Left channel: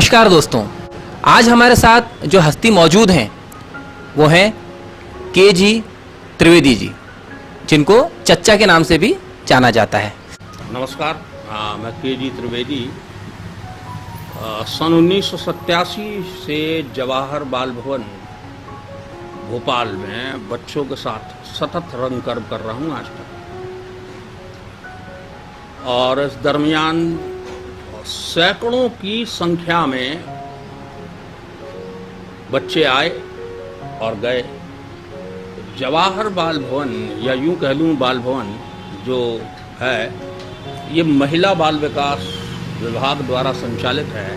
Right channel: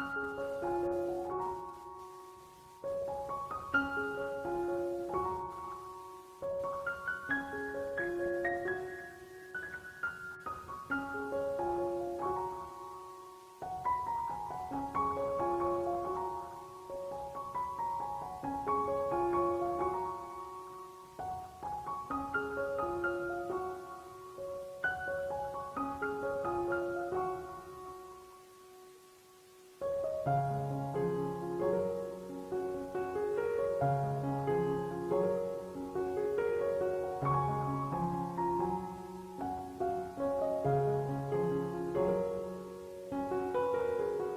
नमस्कार दोस्तों, आज हमारे साथ जो हस्ती मौजूद हैं वो हैं के.जी. त्रिवेदी जी, जिनको चच्चा के नाम से भी जाना जाता है। नमस्कार, मैं के.जी. त्रिवेदी सन 1987 से जवाहर बाल भवन भोपाल में बच्चों के साथ सतत रंग कर्म कर रहा हूँ आज तक। और इस दरमियान सैकड़ों की संख्या में बच्चे आए और गए। जवाहर बाल भवन या यूं कह लूँ बाल भवन जो है ये महिला बाल विकास विभाग द्वारा संचालित है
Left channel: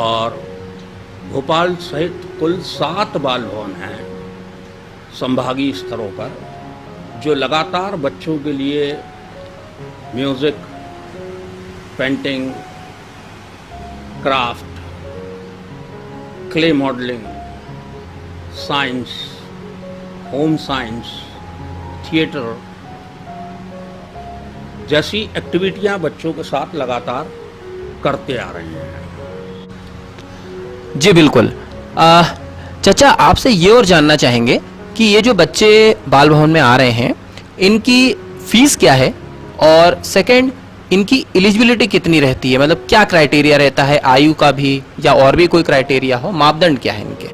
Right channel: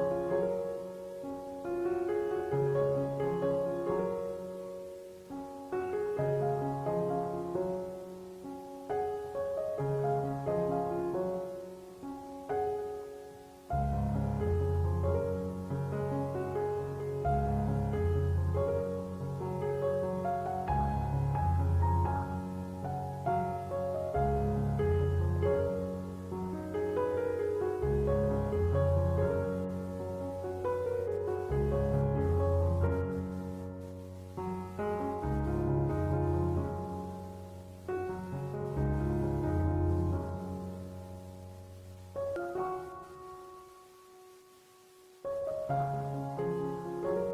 और भोपाल सहित कुल 7 बाल भवन हैं संभागीय स्तरों पर, जो लगातार बच्चों के लिए music, painting, craft, clay modelling, science, home science, theatre जैसी एक्टिविटियां बच्चों के साथ लगातार करते आ रहे हैं। जी बिल्कुल। चचा, आपसे ये और जानना चाहेंगे कि ये जो बच्चे बाल भवन में आ रहे हैं इनकी फीस क्या है, और सेकंड इनकी एलिजिबिलिटी कितनी रहती है, मतलब क्या क्राइटेरिया रहता है, आयु का भी या और भी कोई क्राइटेरिया हो, मापदंड क्या है इनके?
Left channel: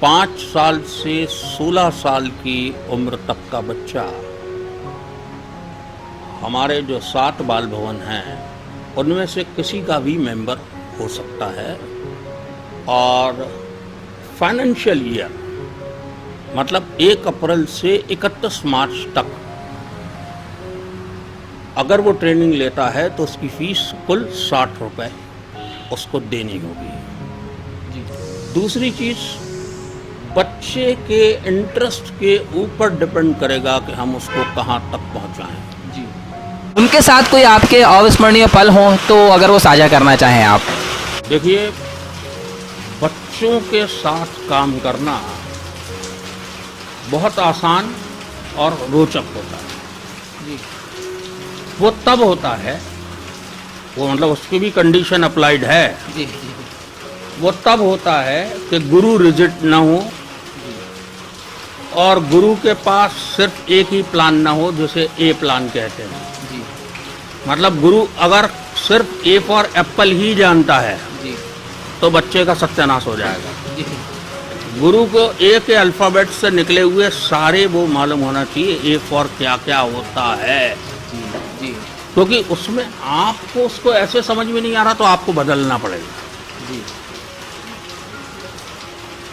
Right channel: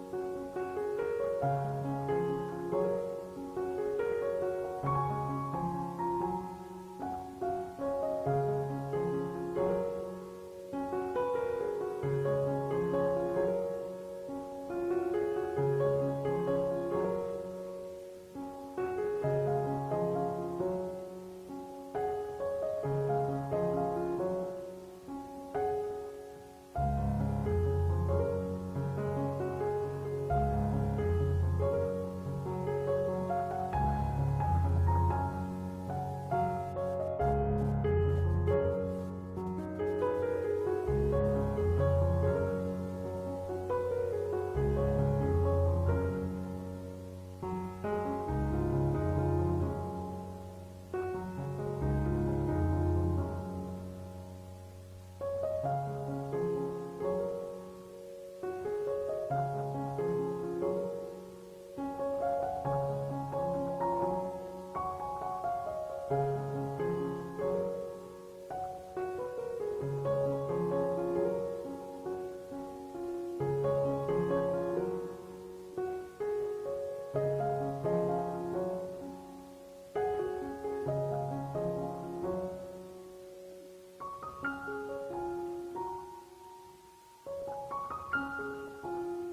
5 साल से 16 साल की उम्र तक का बच्चा हमारे जो 7 बाल भवन हैं उनमें से किसी का भी मेंबर हो सकता है। और फाइनेंशियल ईयर मतलब 1 अप्रैल से 31 मार्च तक अगर वो ट्रेनिंग लेता है तो उसकी फीस कुल 60 रुपए उसको देनी होगी। दूसरी चीज, बच्चे के इंटरेस्ट के ऊपर डिपेंड करेगा कि हम उसको कहाँ तक पहुँचाएं। जी, उनके साथ कोई आपके अविस्मरणीय पल हो तो अगर वो साझा करना चाहें आप। देखिए, बच्चों के साथ काम करना बहुत आसान और रोचक होता है। वो तब होता है, वो मतलब उसकी भी कंडीशन अप्लाइड है। जी। वो तब होता है कि गुरु रिजिड ना हो और गुरु के पास सिर्फ एक ही प्लान ना हो, जिसे ए प्लान कहते हैं। जी। मतलब गुरु अगर सिर्फ ए फॉर एप्पल ही जानता है जी। तो बच्चे का सत्यानाश हो जाएगा। जी। गुरु को ए के अल्फाबेट से निकले हुए सारे वो मालूम होना चाहिए, ए फॉर क्या क्या होता है। जी। क्योंकि उसमें आपको उसको ऐसे समझ में नहीं आ रहा तो आपको बदलना पड़ेगा। जी।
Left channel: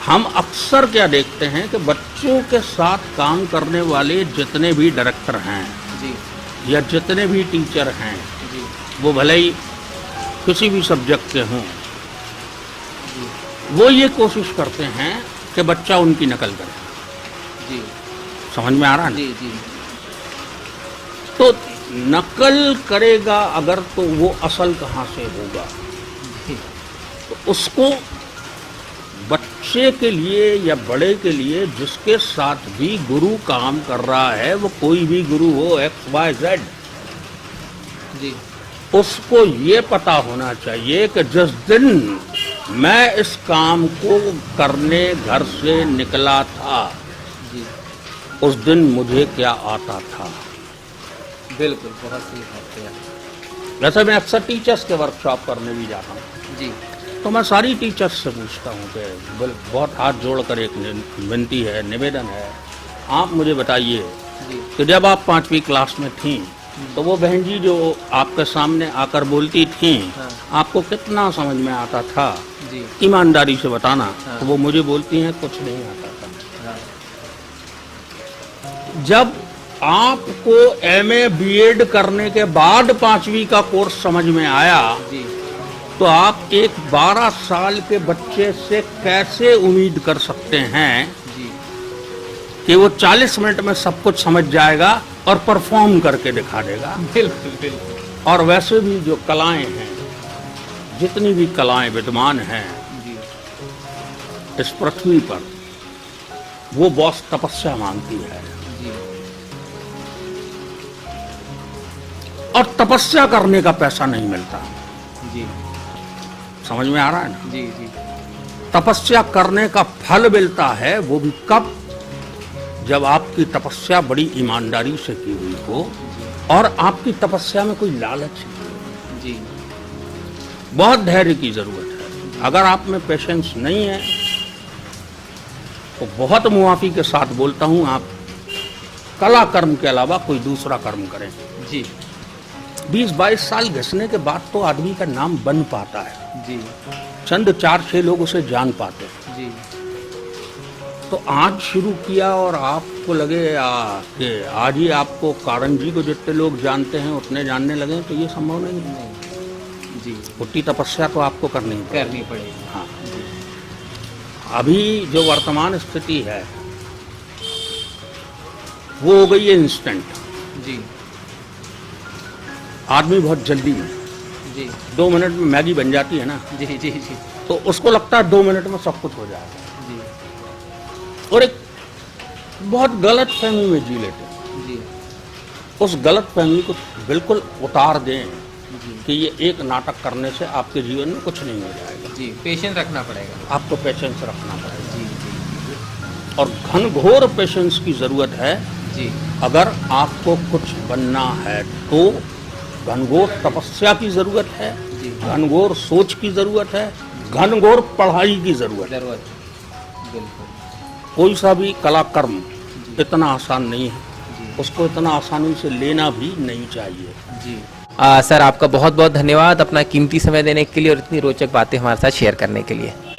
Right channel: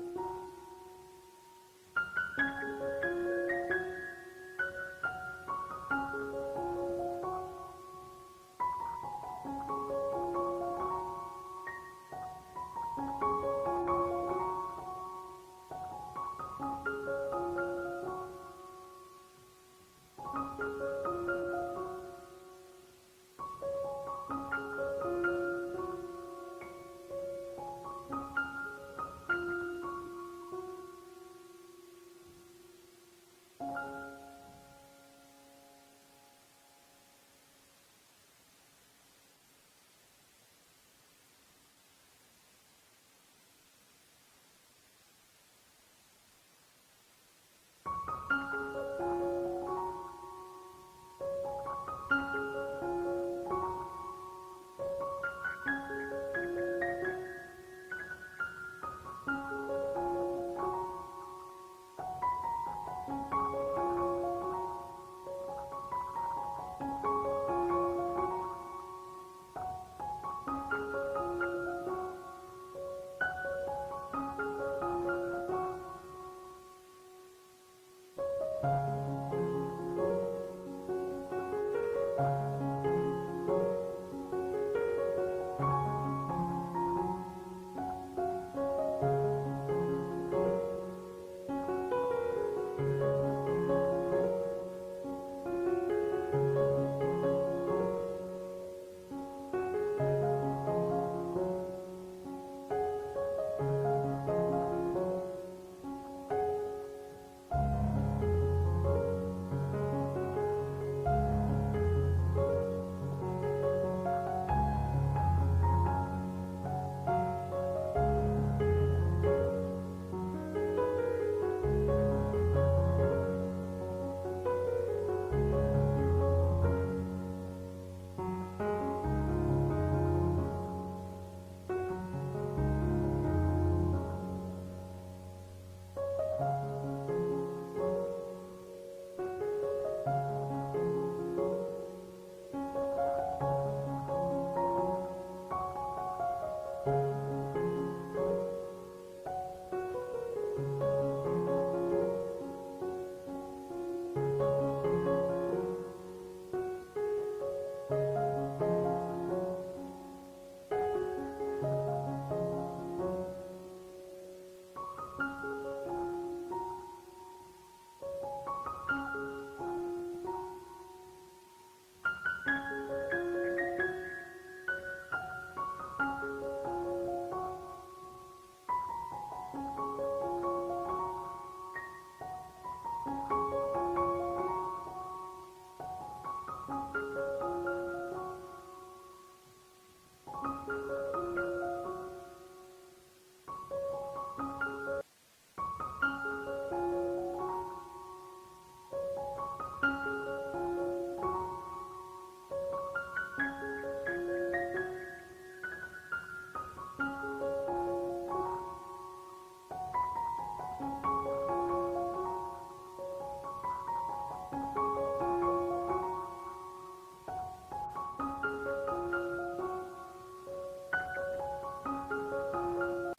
हम अक्सर क्या देखते हैं कि बच्चों के साथ काम करने वाले जितने भी डायरेक्टर हैं जी। या जितने भी टीचर हैं, जी। वो भले ही किसी भी सब्जेक्ट के हों, वो ये कोशिश करते हैं कि बच्चा उनकी नकल करे। जी। समझ में आ रहा है? जी। जी। तो नकल करेगा अगर तो वो असल कहाँ से होगा? तो उसको बच्चे के लिए या बड़े के लिए जिसके साथ भी गुरु काम कर रहा है, वो कोई भी गुरु हो, XYZ, जी, उसको ये पता होना चाहिए कि जिस दिन मैं इस काम को करने घर से निकला था, जी, उस दिन मुझे क्या आता था। बिल्कुल, बहुत सही बात है। वैसे मैं अक्सर टीचर्स के वर्कशॉप करने भी जाता हूँ, जी। तो मैं सारी टीचर्स से पूछता हूँ कि बहुत हाथ जोड़कर एक विनती है, निवेदन है, आप मुझे बताइए कि जब आप 5वीं क्लास में थीं तो वो बहन जी जो आपके सामने आकर बोलती थीं, आपको कितना समझ में आता था? जी। ईमानदारी से बताना। तो वो मुझे बोलती हैं कुछ नहीं आता था। जब आपको MA BEd करने के बाद 5वीं का कोर्स समझ में आया, जी। तो आप एक 12 साल के बच्चे से कैसे उम्मीद कर सकते हैं जी। कि वो 40 मिनट में सब कुछ समझ जाएगा और परफॉर्म करके दिखा देगा? बिल्कुल, बिल्कुल। और वैसे भी जो कलाएं हैं, जितनी भी कलाएं विद्यमान हैं जी। इस पृथ्वी पर, वो बहुत तपस्या मांगती है। जी। और तपस्या करने का पैसा नहीं मिलता। जी। समझ में आ रहा है ना? जी जी तपस्या करने का फल मिलता है वो भी कब, जब आपकी तपस्या बड़ी ईमानदारी से की हुई हो और आपकी तपस्या में कोई लालच नहीं। जी बहुत धैर्य की जरूरत है। अगर आप में पेशेंस नहीं है तो बहुत मुआफी के साथ बोलता हूं, आप कला कर्म के अलावा कोई दूसरा कर्म करें। जी 20-22 साल घिसने के बाद तो आदमी का नाम बन पाता है, जी चंद 4-6 लोग उसे जान पाते हैं। जी तो आज शुरू किया और आपको लगे कि आज ही आपको कारण जी को जितने लोग जानते हैं उतने जानने लगे, तो ये संभव नहीं है। जी उतनी तपस्या तो आपको करनी है। करनी पड़ेगी। हाँ, अभी जो वर्तमान स्थिति है वो हो गई है इंस्टेंट। जी आदमी बहुत जल्दी में, जी 2 मिनट में मैगी बन जाती है ना, जी जी जी तो उसको लगता है 2 मिनट में सब कुछ हो जाएगा, जी और एक बहुत गलत फहमी में जी लेते हैं। जी उस गलत फहमी को बिल्कुल उतार दें जी कि ये एक नाटक करने से आपके जीवन में कुछ नहीं हो जाएगा। जी पेशेंस रखना पड़ेगा। आपको पेशेंस रखना पड़ेगा, जी जी और घनघोर पेशेंस की जरूरत है। जी अगर आपको कुछ बनना है तो घनघोर तपस्या की जरूरत है, जी घनघोर सोच की जरूरत है, घनघोर पढ़ाई की जरूरत है। जरूरत है, बिल्कुल। कोई सा भी कला कर्म इतना आसान नहीं है, जी उसको इतना आसानी से लेना भी नहीं चाहिए। जी सर, आपका बहुत बहुत धन्यवाद अपना कीमती समय देने के लिए और इतनी रोचक बातें हमारे साथ शेयर करने के लिए।